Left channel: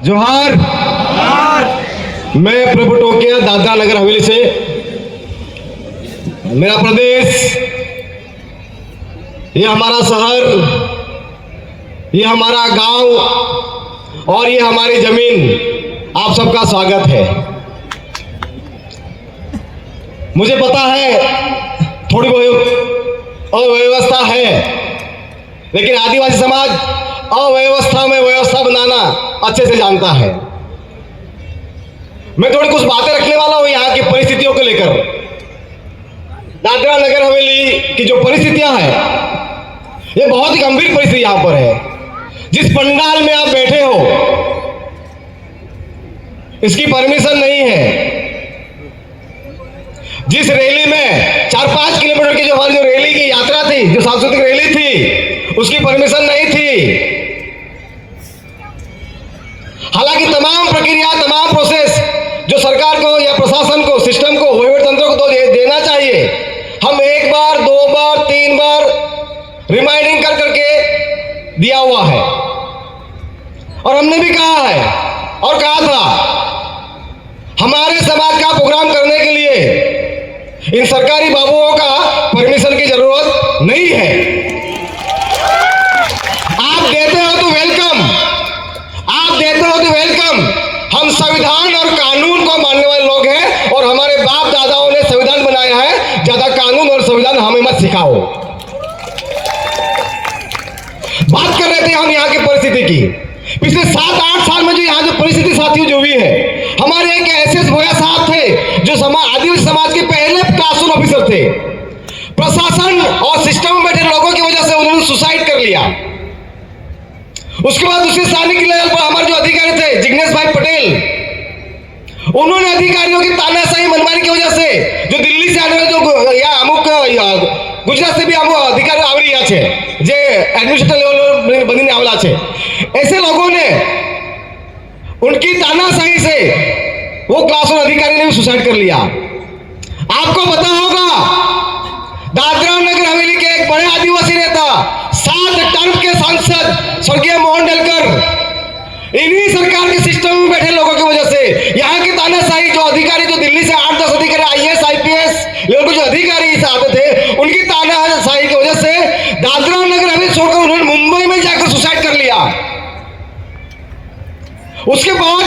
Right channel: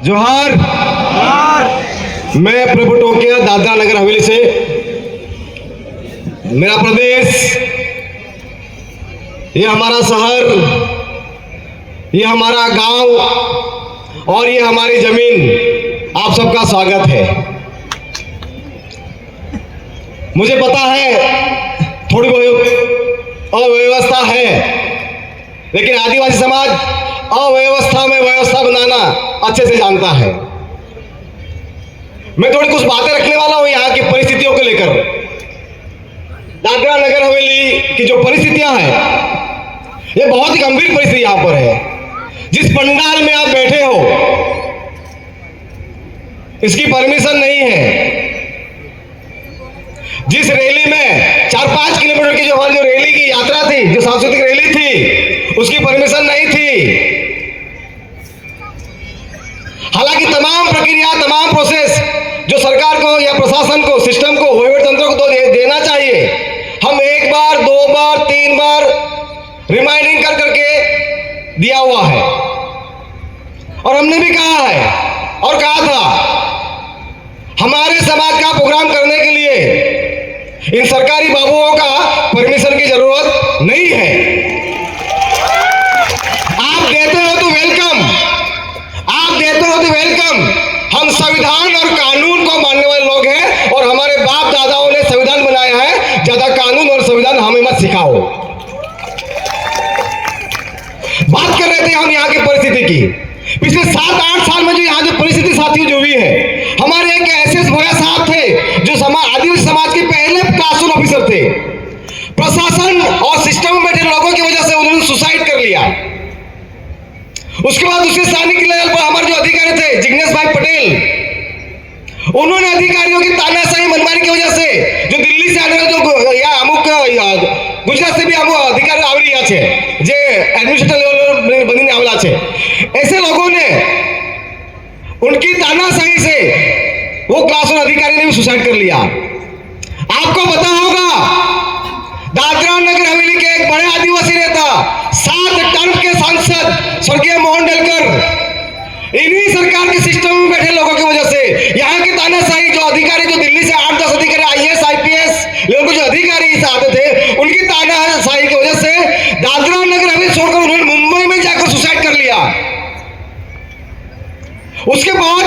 जोहार। मैं प्रभु टोकिया दादरा नगर हवेली से। मेरा प्रदेश, ये हमारा शहर, ये हमारा गांव और ये हमारी जमीन, आप सबका स्वागत है। मुझे पता है थोड़ी बहुत अव्यवस्था है, लेकिन आदिवासी समाज अव्यवस्था में व्यवस्था बनाना अच्छे से जानता है। मैं थोड़ी कुछ बातें रखने वाला हूं यहाँ की परिस्थितियों को लेकर। दादरा नगर हवेली की जो परिस्थितियां हैं, ये बहुत ही गंभीर परिस्थिति यहां पर है। जिस पंडाल में आप बैठे हो, इसकी परमिशन नहीं है। जिस रैली में 4-5 किलोमीटर की जो हमारी जो रैली की यात्रा थी, जो सांस्कृतिक रैली थी, उसकी परमिशन नहीं थी। हालांकि तमाम प्रक्रिया, तमाम प्रोसेस जो सरकार को या प्रशासन को, सिस्टम को, वहीवट तंत्र को तो देना चाहिए। हम 1 बार, 2 बार, 3 बार रिमाइंडिंग कर करके दिया हुआ है और हमने भी कहा है और कहा था, हमारे समाज का प्रोग्राम करने के लिए इन सरकारी बाबुओं का परमिशन की जरूरत नहीं है। आप कहते हो तो वेलकम, आप कहते हो तो वेलकम। हम संविधान और कानून को मानने वाले लोग हैं और हमारे बाप दादाओं ने संविधान बनाया है। ज्यादा कानून और संविधान हमें मत सिखाओ। बात कर रहे थे हम यहाँ की परिस्थिति की। पिछले 7-8 साल में जो यहाँ की परिस्थिति साथियों जो हुई है, हमारे एक एसएस भोया साहब थे जो आदिवासी समाज के पहले क्लास 1 ऑफिसर थे। प्रशासन और सिस्टम में बैठे लोगों की वजह से उन्होंने सुसाइड कर लिया। उसके बाद दूसरे सैनिक लेवल पर हमारे जो अधिकारी थे, जिग्नेश भाई पटेल, उन्होंने अधिकारियों की तानाशाही मनमानी की वजह से जो दिल्ली से आने वाले जो या अमुक गुजरात से भी अमुक अधिकारी आवरी है, जे एडमिनिस्ट्रेटिव लेवल बनी आवला है, ऐसे लोगों ने उनकी तानाशाही से वो क्लास 1 अधिकारी ने भी सुसाइड कर लिया। आपको पता होगा, दादरा नगर हवेली के एक बड़े आदिवासी नेता, 7 टर्म के सांसद स्वर्गीय मोहन डलकर, इन्हीं सरकार के सिस्टम में बैठे लोगों की वजह से यहाँ के तानाशाही जो अधिकारी, जो दिल्ली से 8-10 अधिकारी IAS IPS लेवल के जो अधिकारी आते थे, उनकी तानाशाही की वजह से दादरा नगर हवेली छोड़कर उन्होंने मुंबई में जाकर सुसाइड कर लिया। उसके बाद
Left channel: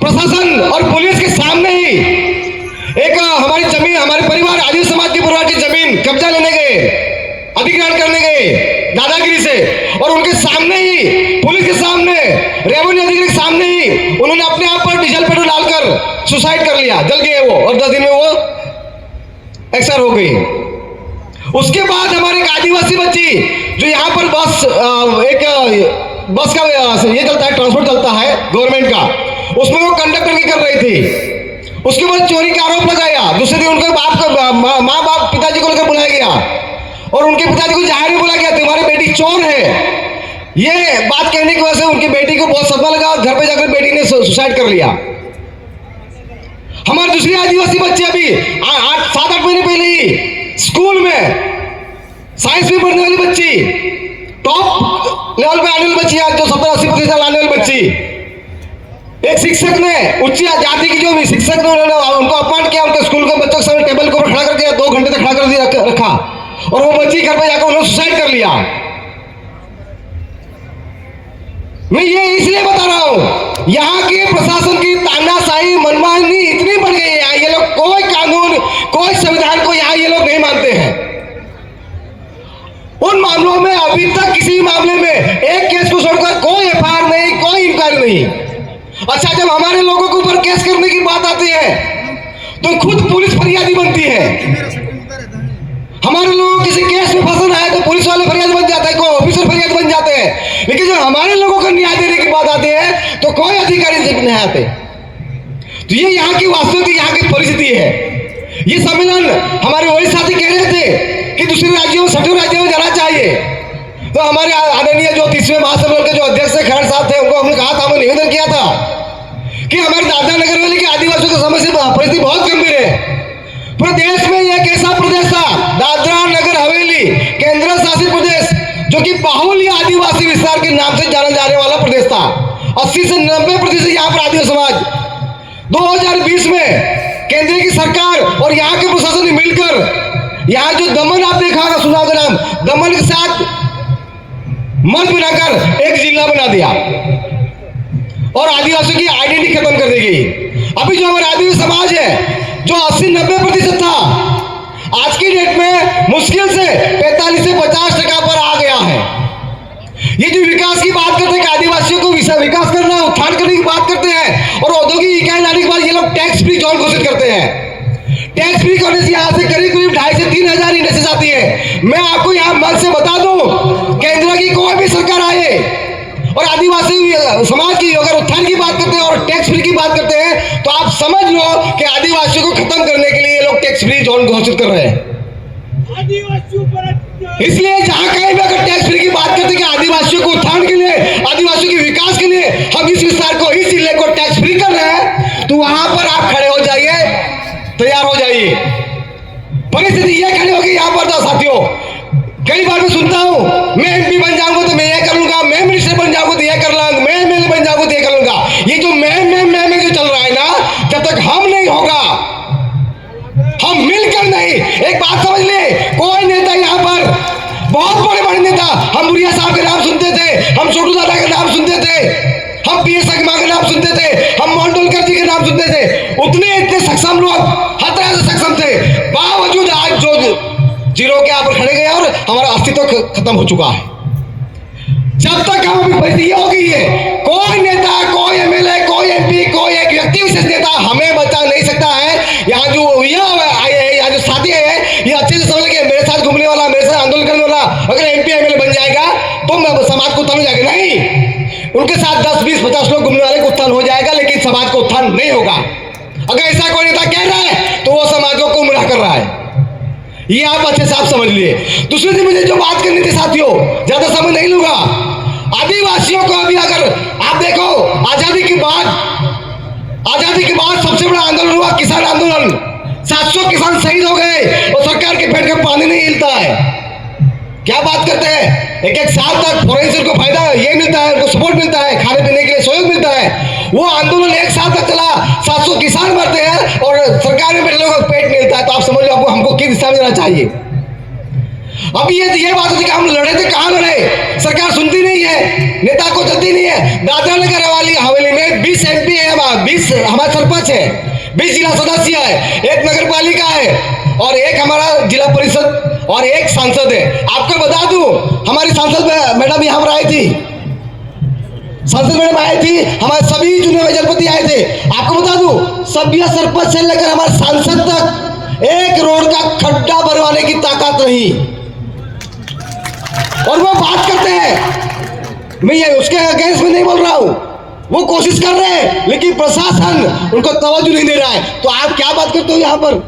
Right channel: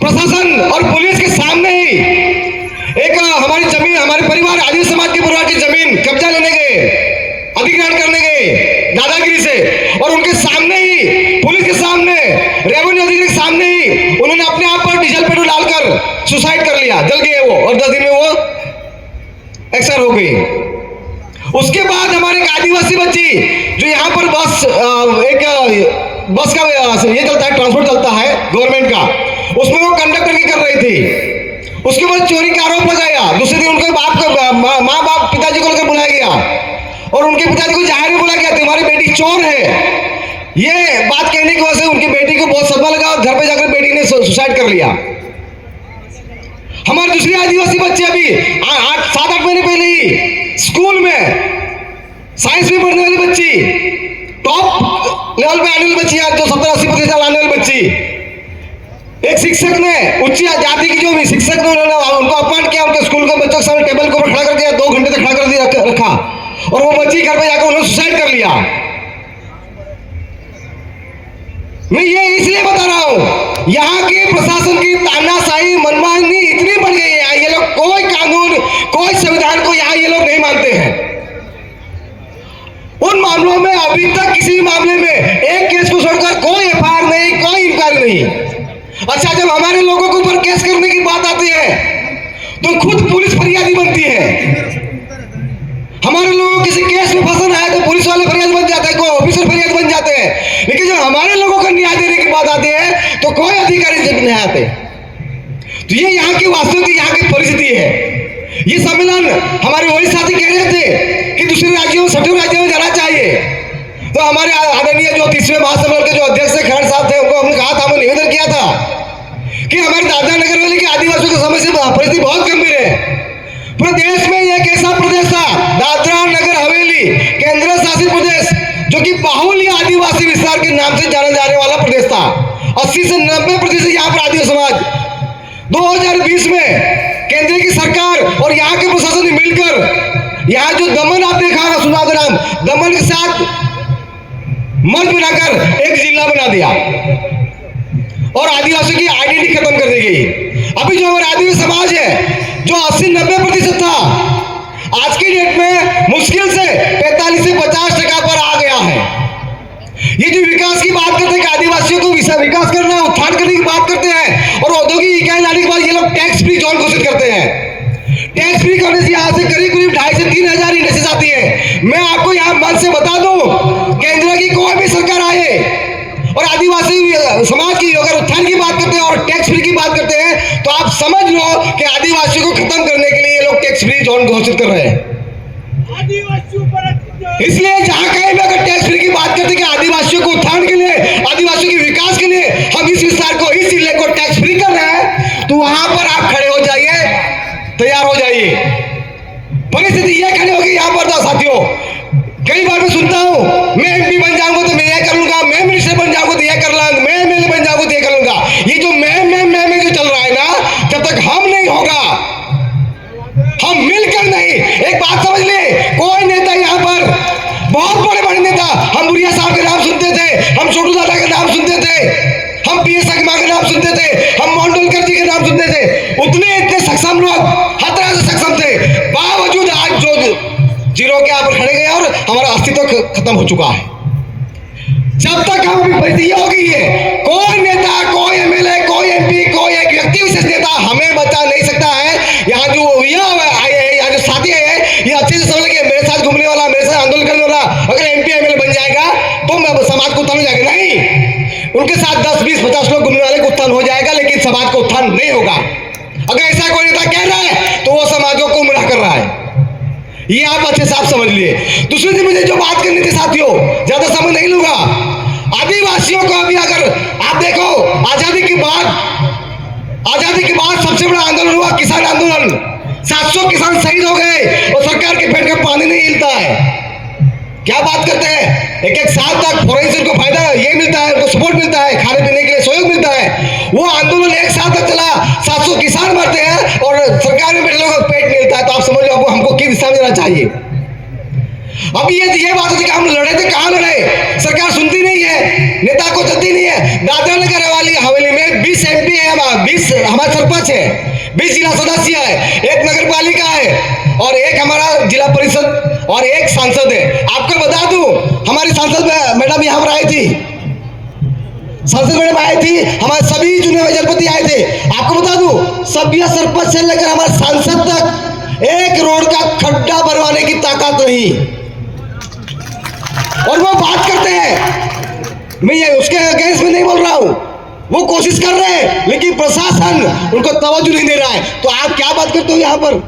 प्रशासन और पुलिस के सामने ही एक हमारी जमीन, हमारे परिवार, आदिवासी समाज के परिवार की जमीन कब्जा लेने गए, अधिग्रहण करने गए दादागिरी से, और उनके सामने ही, पुलिस के सामने, रेवेन्यू अधिकारी के सामने ही उन्होंने अपने आप पर डीजल पेट्रोल डालकर सुसाइड कर लिया। जल गए वो और 10 दिन में वो एक्सपायर हो गई। उसके बाद हमारे एक आदिवासी बच्ची जो यहाँ पर बस का ये चलता है, ट्रांसपोर्ट चलता है गवर्नमेंट का, उसमें वो कंडक्टर की कर रही थी। उसके बाद चोरी का आरोप लगाया। दूसरे दिन उनके बाप को, माँ बाप, पिताजी को लेकर बुलाया गया और उनके पिताजी को जाहिर में बुलाया गया, तुम्हारी बेटी चोर है। ये बात कहने की वजह से उनकी बेटी को बहुत सदमा लगा और घर पे जाकर बेटी ने सुसाइड कर लिया। हमारी दूसरी आदिवासी बच्ची अभी 7-8 महीने पहले ही स्कूल में साइंस में पढ़ने वाली बच्ची, टॉप लेवल पे आने वाली बच्ची, जो 70-80% आने वाली बच्ची, एक शिक्षक ने, उच्च जाति की जो शिक्षक ने, उनको अपमान किया, उनके स्कूल के बच्चों के सामने टेबल को खड़ा कर दिया, 2 घंटे तक खड़ा कर दिया रखा, और वो बच्ची घर पे जाकर उन्होंने सुसाइड कर लिया। मैं ये इसलिए बता रहा हूं, यहाँ के प्रशासन की तानाशाही, मनमानी इतनी बढ़ गई है, ये लोग कोई कानून, कोई संविधान को यहाँ ये लोग नहीं मानते हैं। उन मामलों में अभी तक किसी मामले में एक केस को छोड़कर कोई FIR नहीं, कोई इंक्वायरी नहीं। अच्छा, जब हमारे लोगों के ऊपर केस करने की बात आती है तो खुद पुलिस फरियादी बनती है। हमारे लोग किसी केस में फंसना है तो पुलिस वाले फरियादी बन जाते हैं, कोई ऑफिसर फरियादी बन जाते हैं, लेकिन जब हमारे लोगों को न्याय देने की बात आती है तो कोई अधिकारी नहीं आते। तो ये यहाँ की वास्तविक, यहाँ की परिस्थिति है। ये सम्मेलन हमारे वही साथी कह रहे थे कि दूसरे राज्यों, सभी राज्यों में जाना चाहिए, तो हमारे आदरणीय जो 30वें महासम्मेलन के जो अध्यक्ष खैर साहब थे, उनको हमने कहा था, हमने निवेदन किया था कि हमारे दादरा नगर हवेली के आदिवासियों की समस्या परिस्थिति बहुत गंभीर है। पूरे देश में एक ऐसा प्रदेश था, दादरा नगर हवेली केंद्र शासित प्रदेश, जो कि बाहुल्य आदिवासी विस्तार के नाम से जाना जाने वाला प्रदेश था। 80 से 90% यहाँ पर आदिवासी समाज। 2020 में केंद्र की सरकार और यहाँ के प्रशासन ने मिलकर यहाँ जो दमन आप देखा होगा, सुना होगा नाम, दमन के साथ मर्ज बनाकर एक जिला बना दिया और आदिवासियों की आइडेंटिटी खत्म कर दी गई। अभी जो हमारा आदिवासी समाज है जो 80-90% था, आज की डेट में मुश्किल से 45 से 50% पर आ गया है। ये जो विकास की बात करते हैं, आदिवासियों को विकास करना, उत्थान करने की बात करते हैं और औद्योगिक इकाई लाने के बाद ये लोग टैक्स फ्री जोन घोषित करते हैं। टैक्स फ्री करने से यहाँ से करीब 2,500 से 3,000 इंडस्ट्रीज आती है। मैं आपको यहाँ मन से बता दूं, केंद्र की कोई भी सरकार आए और आदिवासी समाज की अगर उत्थान की बात करते हैं और टैक्स फ्री की बात करते हैं, तो आप समझ लो कि आदिवासियों को खत्म करने के लिए ये लोग टैक्स फ्री जोन घोषित कर रहे हैं। इसलिए जहां कहीं भी अगर टैक्स फ्री की बात करते हैं कि आदिवासियों को उत्थान के लिए, आदिवासियों के विकास के लिए हम इस विस्तार को, इस जिले को टैक्स फ्री कर रहे हैं, तो वहां पर आप खड़े हो जाइए, तैयार हो जाइए। परिस्थिति ये खड़ी होगी यहाँ पर। तो साथियों, कई बार मैं सुनता हूं, मैं एमपी बन जाऊंगा तो मैं ये कर लूंगा, मैं मिनिस्टर बन जाऊंगा तो ये कर लूंगा, मैं एमएलए बन जाऊंगा तो ये कर लूंगा। ये जो मैं जो चल रहा है ना, जब तक हम नहीं होगा, हम मिलकर नहीं, एक बात समझ ले, कोई नेता यहाँ पर, बहुत बड़े बड़े नेता, हम बुढ़िया साहब के नाम सुनते थे, हम छोटू दादा के नाम सुनते थे, हम पीएस शर्मा के नाम सुनते थे, हम मंडोलकर जी के नाम सुनते थे, इतने सक्षम लोग, हर तरह से सक्षम थे, बावजूद आज जो जीरो के यहाँ पर खड़े गए और हमारा अस्तित्व खत्म हो चुका है। जब तक हम अभी परिस्थिति हो गई है, कोई नेता, कोई एमएलए, कोई एमपी, कोई एक व्यक्ति विशेष नेता हमें बता नहीं सकता है। यहाँ जो यहाँ जो साथी है, ये अच्छे से समझ के मेरे साथ घूमने वाला, मेरे साथ आंदोलन करने वाला अगर एमपी एमएलए बन जाएगा तो समाज को उत्थान हो जाएगा। नहीं, उनके साथ 10, 20, 50 लोग घूमने वाले को उत्थान हो जाएगा, लेकिन समाज को उत्थान नहीं होगा। अगर ऐसा कोई नेता कह रहा है तो वो समाजों को गुमराह कर रहा है। ये आप अच्छे साफ समझ लिए। दूसरी चीज मुझे जो बात करनी थी साथियों, ज्यादा समय नहीं लूंगा। आदिवासियों को अभी अगर आप देखो, आजादी के बाद सबसे बड़ा आंदोलन हुआ किसान आंदोलन। 700 किसान शहीद हो गए और सरकार के पेट में पानी नहीं हिलता है। क्या बात करते हैं, एक साल तक फॉरेंसिक को फायदा ये मिलता है, उनको सपोर्ट मिलता है, खाने पीने के लिए सहयोग मिलता है। वो आंदोलन एक साल तक चला, 700 किसान मरते हैं और सरकार में लोगों को पेट नहीं हिलता है। तो आप समझ लो हमको किस दिशा में जाना चाहिए। अब ये बात है कि हम लड़े थे, कहाँ लड़े, सरकार सुनती नहीं है, नेता को चलती नहीं है। दादरनगर वाली हवेली में 20 एमपी है, 20 हमारे सरपंच है, 20 जिला सदस्य है, 1 नगर पालिका है और 1 हमारा जिला परिषद और 1 सांसद है। आपको बता दूं, हमारी सांसद मैडम यहाँ पर आई थी, सांसद मैडम आई थी, हमारे सभी चुने हुए जनपति आए थे। आपको बता दूं, सभी सरपंच से लेकर हमारे सांसद तक 1 रोड का खड्डा भरवाने की ताकत नहीं, और वो बात करते हैं। मैं ये उसके अगेंस्ट में नहीं बोल रहा हूं, वो कोशिश कर रहे हैं, लेकिन प्रशासन उनको तवज्जो नहीं दे रहा है। तो आप क्या बात करते हो यहाँ पर?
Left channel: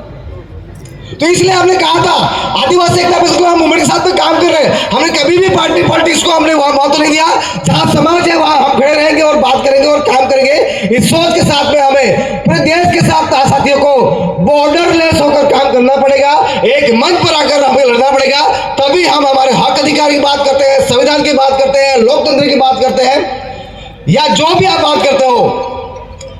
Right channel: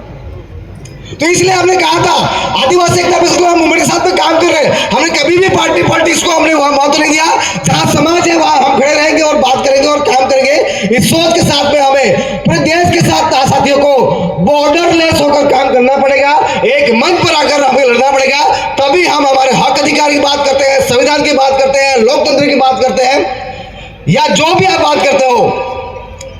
तो इसलिए हमने कहा था आदिवासी एकता परिषद मूवमेंट के साथ में काम कर रहे हैं। हमने कभी भी पार्टी पॉलिटिक्स को हमने वहां मौका नहीं दिया। जहां समाज है वहां हम खड़े रहेंगे और बात करेंगे और काम करेंगे। इस सोच के साथ में हमें पूरे देश के साथ साथियों को बॉर्डरलेस होकर काम करना पड़ेगा, एक मंच पर आकर हमें लड़ना पड़ेगा। तभी हम हमारे हक अधिकार की बात करते हैं, संविधान की बात करते हैं, लोकतंत्र की बात करते हैं, या जो भी आप बात करते हो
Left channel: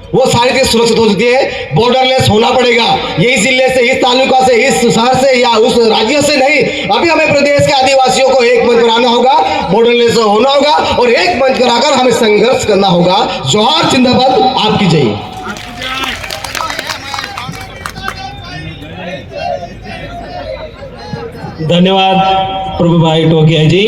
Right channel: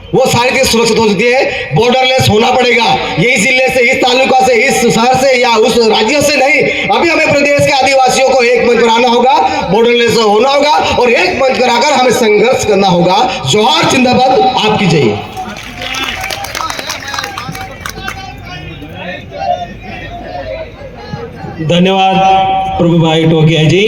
वो सारी चीज सुरक्षित हो सकती है। बॉर्डरलेस होना पड़ेगा, ये इस जिले से, इस तालुका से, इस शहर से या उस राज्य से नहीं। अभी हमें प्रदेश के आदिवासियों को एक मंच पर आना होगा, बॉर्डरलेस होना होगा और एक मंच पर आकर हमें संघर्ष करना होगा। जोहार जिंदाबाद, आपकी जय। धन्यवाद प्रभु भाई टोकिया जी।